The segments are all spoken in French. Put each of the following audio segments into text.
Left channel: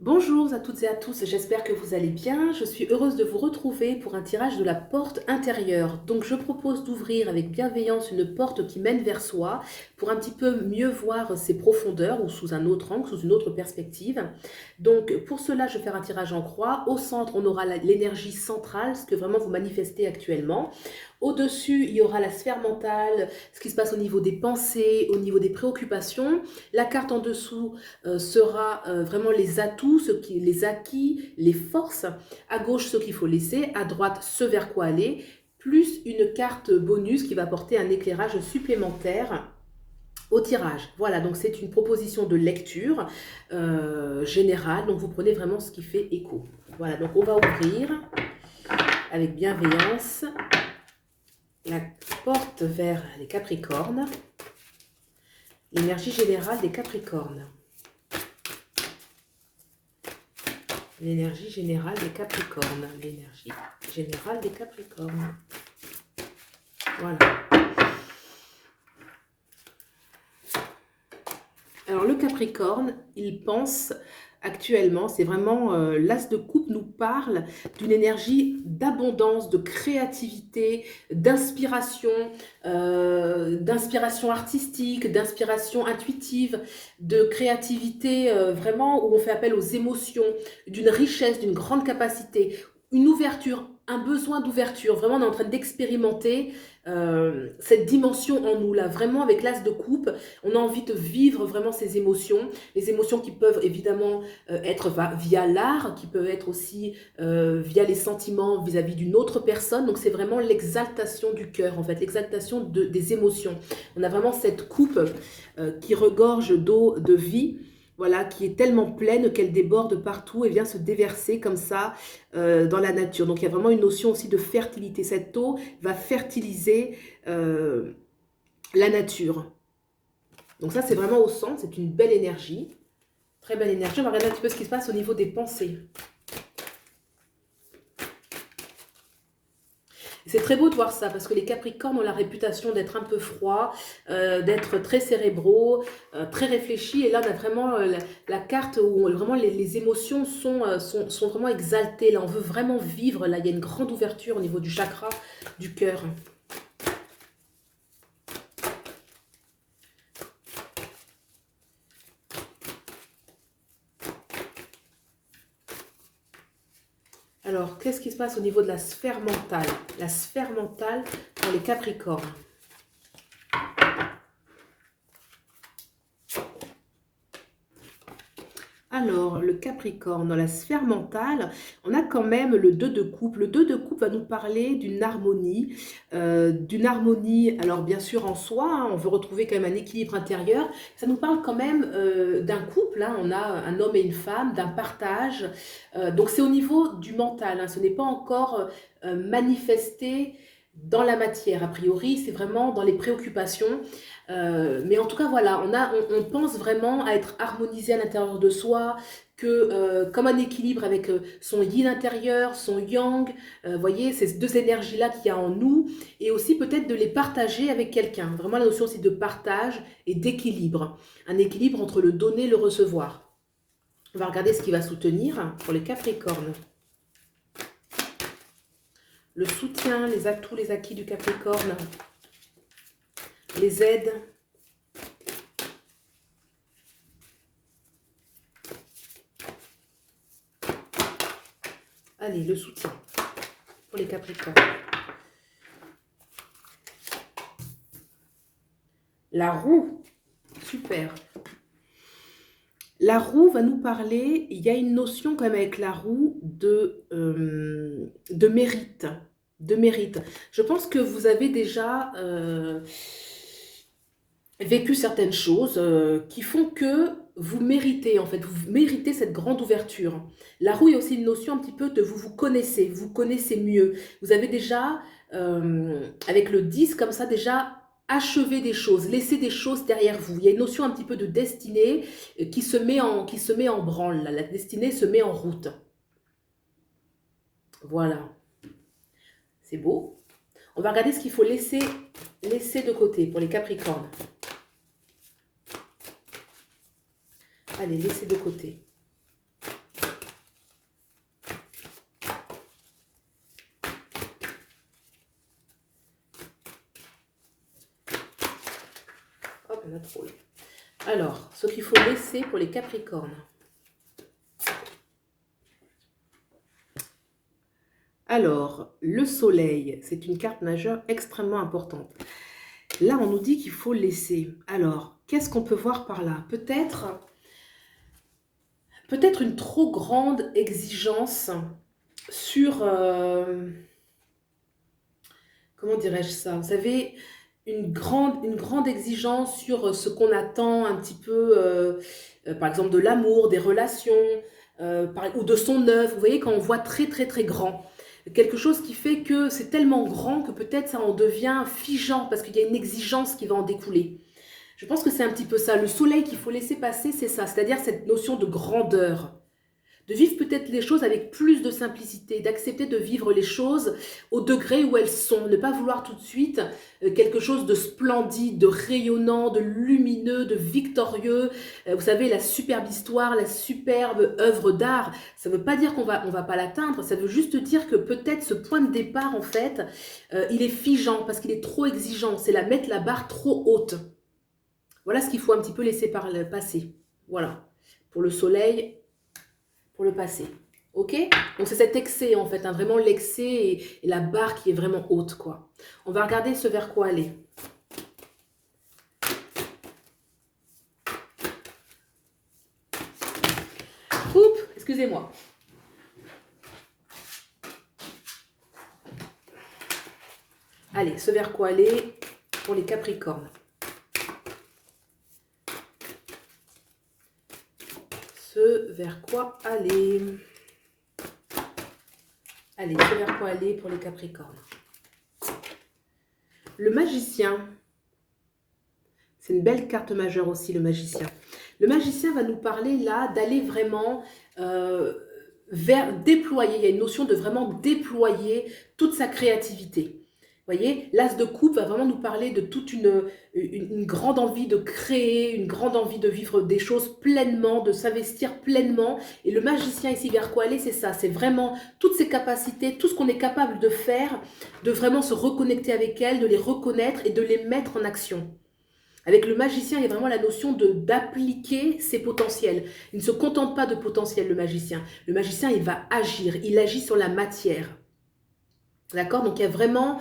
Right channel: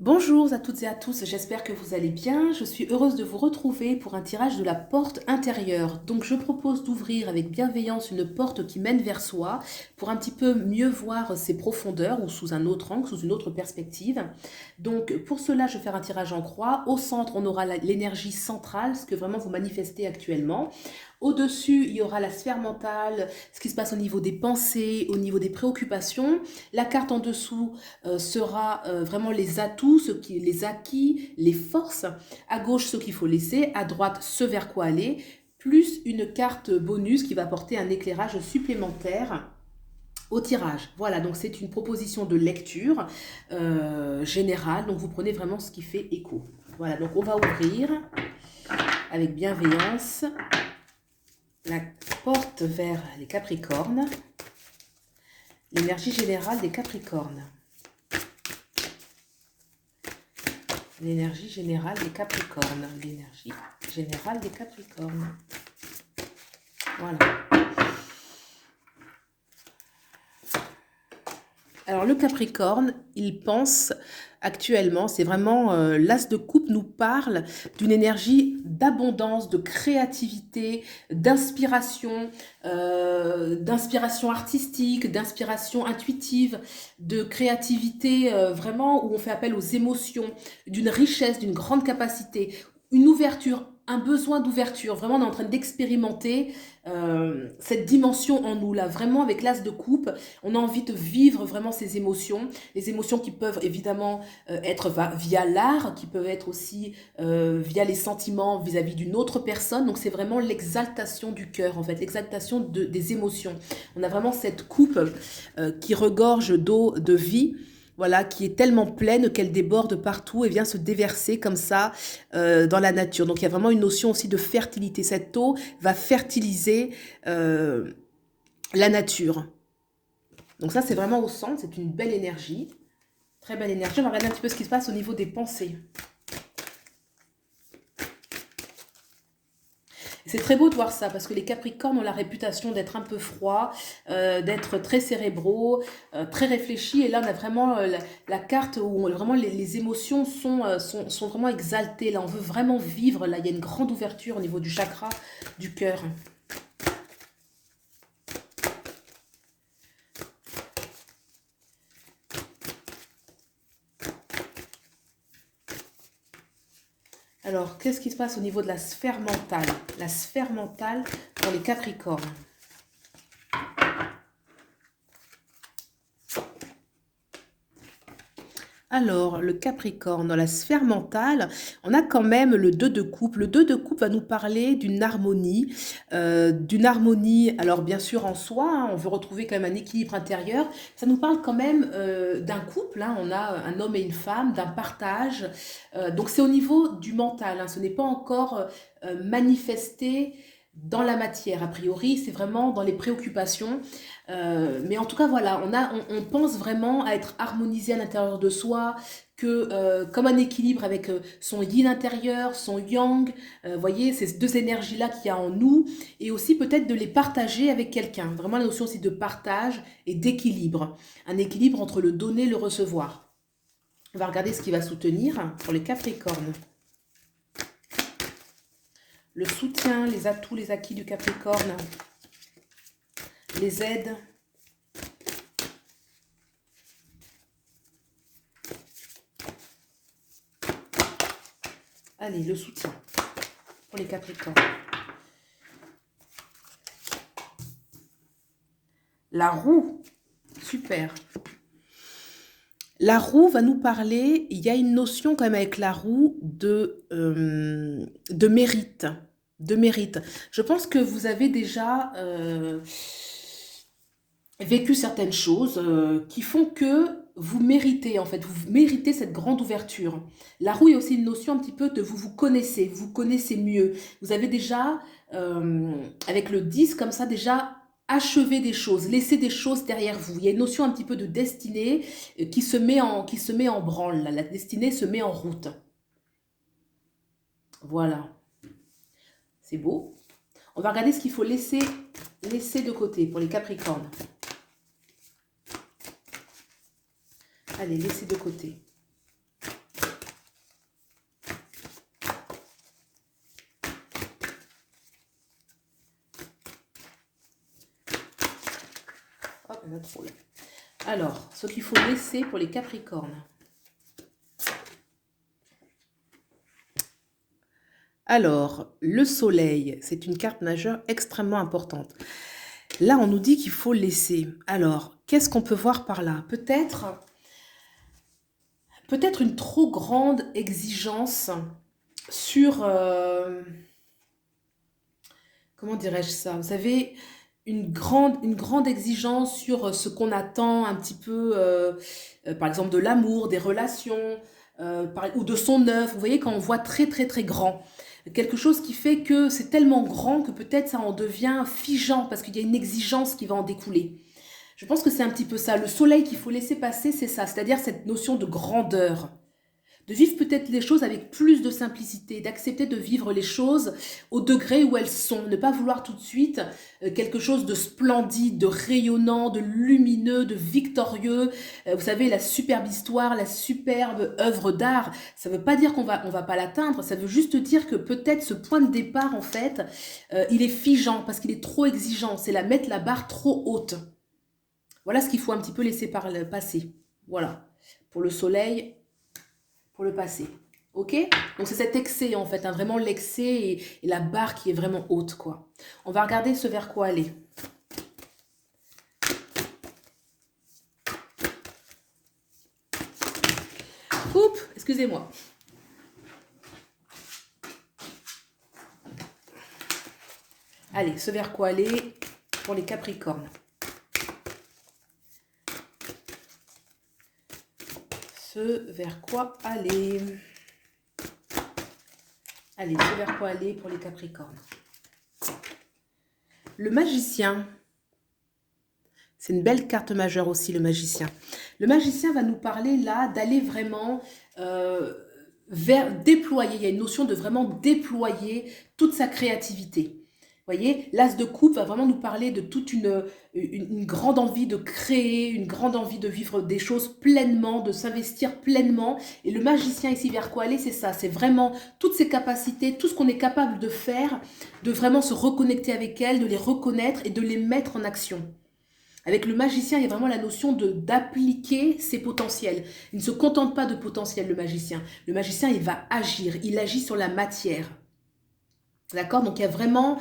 Bonjour à toutes et à tous, j'espère que vous allez bien. Je suis heureuse de vous retrouver pour un tirage de la porte intérieure. Donc je propose d'ouvrir avec bienveillance une porte qui mène vers soi pour un petit peu mieux voir ses profondeurs ou sous un autre angle, sous une autre perspective. Donc pour cela, je vais faire un tirage en croix. Au centre, on aura l'énergie centrale, ce que vraiment vous manifestez actuellement. Au-dessus, il y aura la sphère mentale, ce qui se passe au niveau des pensées, au niveau des préoccupations. La carte en dessous sera vraiment les atouts, les acquis, les forces. À gauche, ce qu'il faut laisser. À droite, ce vers quoi aller. Plus une carte bonus qui va apporter un éclairage supplémentaire au tirage. Voilà, donc c'est une proposition de lecture générale. Donc vous prenez vraiment ce qui fait écho. Voilà, donc on va ouvrir avec bienveillance la porte vers les Capricornes, l'énergie générale des Capricornes. L'énergie générale des Capricornes. L'énergie générale des Capricornes. Voilà. Alors le Capricorne, il pense actuellement, c'est vraiment l'as de coupe nous parle d'une énergie d'abondance, de créativité, d'inspiration artistique, d'inspiration intuitive, de créativité vraiment où on fait appel aux émotions, d'une richesse, d'une grande capacité, une ouverture, un besoin d'ouverture. Vraiment, on est en train d'expérimenter cette dimension en nous là, vraiment avec l'as de coupe. On a envie de vivre vraiment ces émotions, les émotions qui peuvent évidemment être via l'art, qui peuvent être aussi via les sentiments vis-à-vis d'une autre personne. Donc c'est vraiment l'exaltation du cœur, en fait, l'exaltation des émotions. On a vraiment cette coupe qui regorge d'eau, de vie, voilà, qui est tellement pleine qu'elle déborde partout et vient se déverser comme ça dans la nature. Donc il y a vraiment une notion aussi de fertilité. Cette eau va fertiliser la nature. Donc ça, c'est vraiment au centre, c'est une belle énergie, très belle énergie. On va regarder un petit peu ce qui se passe au niveau des pensées. C'est très beau de voir ça, parce que les Capricornes ont la réputation d'être un peu froids, d'être très cérébraux, très réfléchis. Et là, on a vraiment la carte où vraiment les émotions sont vraiment exaltées. Là, on veut vraiment vivre. Là, il y a une grande ouverture au niveau du chakra du cœur. Alors, qu'est-ce qui se passe au niveau de la sphère mentale? La sphère mentale pour les Capricornes. Alors, le Capricorne, dans la sphère mentale, on a quand même le 2 de coupe. Le 2 de coupe va nous parler d'une harmonie, alors bien sûr en soi, hein, on veut retrouver quand même un équilibre intérieur. Ça nous parle quand même d'un couple, hein, on a un homme et une femme, d'un partage. Donc c'est au niveau du mental, hein, ce n'est pas encore manifesté dans la matière. A priori, c'est vraiment dans les préoccupations. Mais en tout cas, voilà, on pense vraiment à être harmonisé à l'intérieur de soi, que comme un équilibre avec son yin intérieur, son yang, voyez, ces deux énergies-là qu'il y a en nous, et aussi peut-être de les partager avec quelqu'un. Vraiment, la notion aussi de partage et d'équilibre. Un équilibre entre le donner et le recevoir. On va regarder ce qui va soutenir pour les Capricornes. Le soutien, les atouts, les acquis du Capricorne, les aides. Allez, le soutien pour les Capricornes. La roue, super. La roue va nous parler, il y a une notion quand même avec la roue de mérite. De mérite. Je pense que vous avez déjà vécu certaines choses qui font que vous méritez, en fait, vous méritez cette grande ouverture. La roue est aussi une notion un petit peu de vous vous connaissez mieux. Vous avez déjà, avec le 10 comme ça, déjà achevé des choses, laissé des choses derrière vous. Il y a une notion un petit peu de destinée qui se met en branle. Là. La destinée se met en route. Voilà, c'est beau. On va regarder ce qu'il faut laisser de côté pour les Capricornes. Allez, laissez de côté. la drôle. Alors, ce qu'il faut laisser pour les Capricornes. Alors, le soleil, c'est une carte majeure extrêmement importante. Là, on nous dit qu'il faut laisser. Alors, qu'est-ce qu'on peut voir par là? Peut-être une trop grande exigence sur... comment dirais-je ça? Vous savez, une grande exigence sur ce qu'on attend un petit peu, par exemple de l'amour, des relations, ou de son œuvre. Vous voyez, quand on voit très très très grand, quelque chose qui fait que c'est tellement grand que peut-être ça en devient figeant parce qu'il y a une exigence qui va en découler. Je pense que c'est un petit peu ça. Le soleil qu'il faut laisser passer, c'est ça, c'est-à-dire cette notion de grandeur. De vivre peut-être les choses avec plus de simplicité, d'accepter de vivre les choses au degré où elles sont, ne pas vouloir tout de suite quelque chose de splendide, de rayonnant, de lumineux, de victorieux. Vous savez, la superbe histoire, la superbe œuvre d'art, ça ne veut pas dire qu'on va pas l'atteindre, ça veut juste dire que peut-être ce point de départ, en fait, il est figeant parce qu'il est trop exigeant, c'est mettre la barre trop haute. Voilà ce qu'il faut un petit peu laisser passer. Voilà, pour le soleil, pour le passé. Ok? Donc c'est cet excès en fait, hein, vraiment l'excès et la barre qui est vraiment haute, quoi. On va regarder ce vers quoi aller. Coupe, excusez-moi. Allez, ce vers quoi aller pour les Capricornes. Ce vers quoi aller? Allez, ce vers quoi aller pour les Capricornes? Le magicien. C'est une belle carte majeure aussi, le magicien. Le magicien va nous parler là d'aller vraiment vers déployer. Il y a une notion de vraiment déployer toute sa créativité. Vous voyez, l'as de coupe va vraiment nous parler de toute une grande envie de créer, une grande envie de vivre des choses pleinement, de s'investir pleinement. Et le magicien ici, vers quoi aller, c'est ça. C'est vraiment toutes ces capacités, tout ce qu'on est capable de faire, de vraiment se reconnecter avec elles, de les reconnaître et de les mettre en action. Avec le magicien, il y a vraiment la notion d'appliquer ses potentiels. Il ne se contente pas de potentiel, le magicien. Le magicien, il va agir, il agit sur la matière. D'accord? Donc il y a vraiment,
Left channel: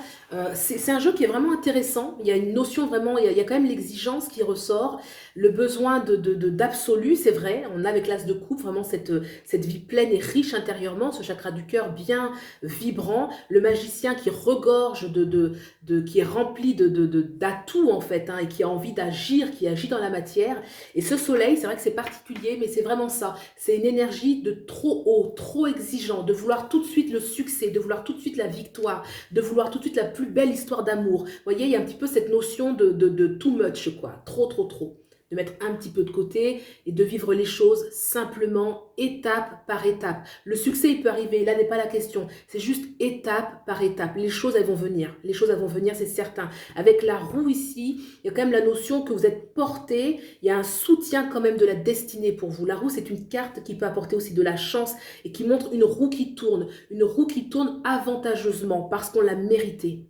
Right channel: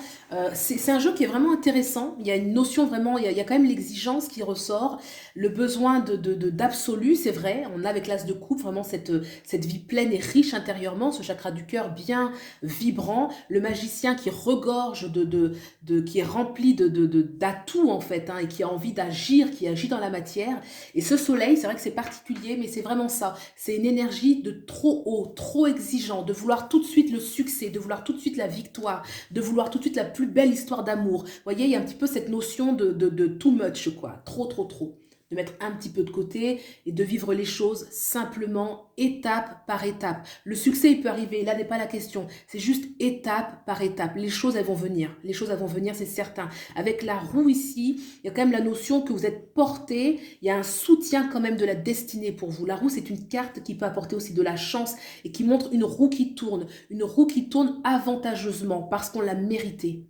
c'est un jeu qui est vraiment intéressant. Il y a une notion vraiment, il y a quand même l'exigence qui ressort, le besoin d'absolu, c'est vrai. On a avec l'as de coupe vraiment cette vie pleine et riche intérieurement, ce chakra du cœur bien vibrant. Le magicien qui regorge qui est rempli d'atouts en fait, hein, et qui a envie d'agir, qui agit dans la matière. Et ce soleil, c'est vrai que c'est particulier, mais c'est vraiment ça. C'est une énergie de trop haut, trop exigeant, de vouloir tout de suite le succès, de vouloir tout de suite la victoire, de vouloir tout de suite la plus belle histoire d'amour. Vous voyez, il y a un petit peu cette notion de too much, quoi. Trop, trop, trop. De mettre un petit peu de côté et de vivre les choses simplement, étape par étape. Le succès, il peut arriver, là n'est pas la question. C'est juste étape par étape. Les choses, elles vont venir. Les choses, elles vont venir, c'est certain. Avec la roue ici, il y a quand même la notion que vous êtes porté. Il y a un soutien quand même de la destinée pour vous. La roue, c'est une carte qui peut apporter aussi de la chance et qui montre une roue qui tourne. Une roue qui tourne avantageusement parce qu'on l'a mérité.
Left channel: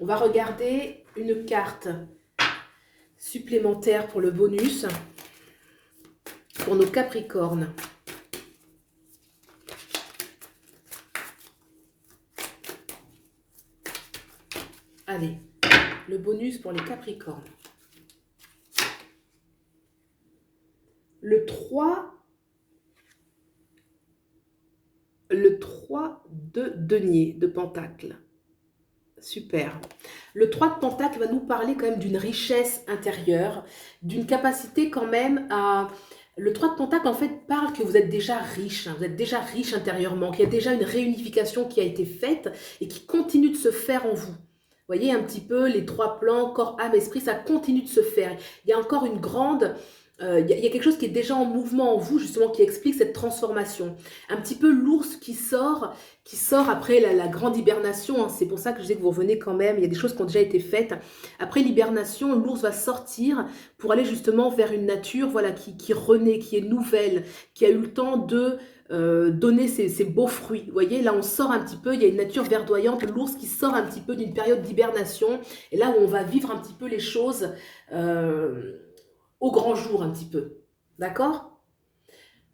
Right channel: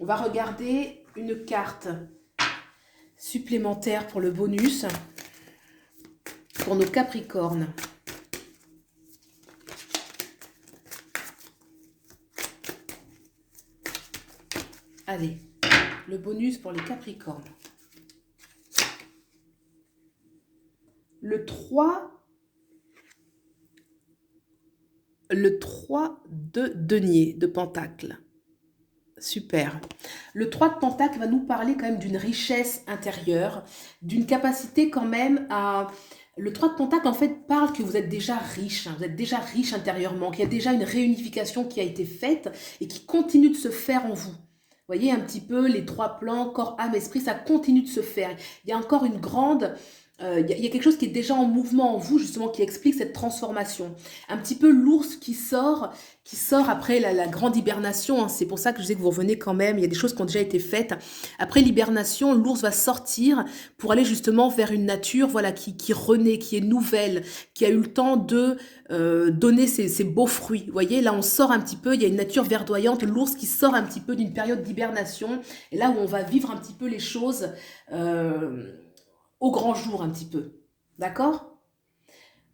On va regarder une carte supplémentaire pour le bonus, pour nos Capricornes. Allez, le bonus pour les Capricornes. Le 3 de denier, de pentacle. Super. Le 3 de pentacle va nous parler quand même d'une richesse intérieure, d'une capacité quand même à... Le 3 de pentacle en fait parle que vous êtes déjà riche, hein, vous êtes déjà riche intérieurement, qu'il y a déjà une réunification qui a été faite et qui continue de se faire en vous. Vous voyez un petit peu les 3 plans, corps, âme, esprit, ça continue de se faire. Il y a encore une grande... il y a quelque chose qui est déjà en mouvement en vous, justement, qui explique cette transformation. Un petit peu l'ours qui sort après la grande hibernation. Hein. C'est pour ça que je sais que vous revenez quand même. Il y a des choses qui ont déjà été faites. Après l'hibernation, l'ours va sortir pour aller justement vers une nature voilà, qui renaît, qui est nouvelle, qui a eu le temps de donner ses beaux fruits. Vous voyez, là, on sort un petit peu. Il y a une nature verdoyante. L'ours qui sort un petit peu d'une période d'hibernation. Et là où on va vivre un petit peu les choses... au grand jour un petit peu. D'accord?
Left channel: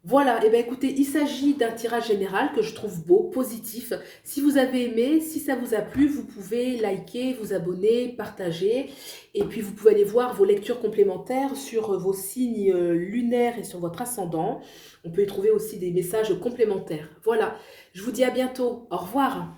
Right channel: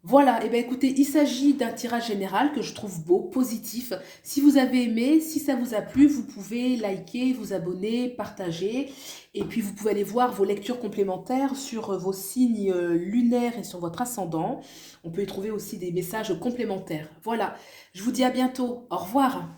Voilà, et bien écoutez, il s'agit d'un tirage général que je trouve beau, positif. Si vous avez aimé, si ça vous a plu, vous pouvez liker, vous abonner, partager. Et puis vous pouvez aller voir vos lectures complémentaires sur vos signes lunaires et sur votre ascendant. On peut y trouver aussi des messages complémentaires. Voilà, je vous dis à bientôt. Au revoir.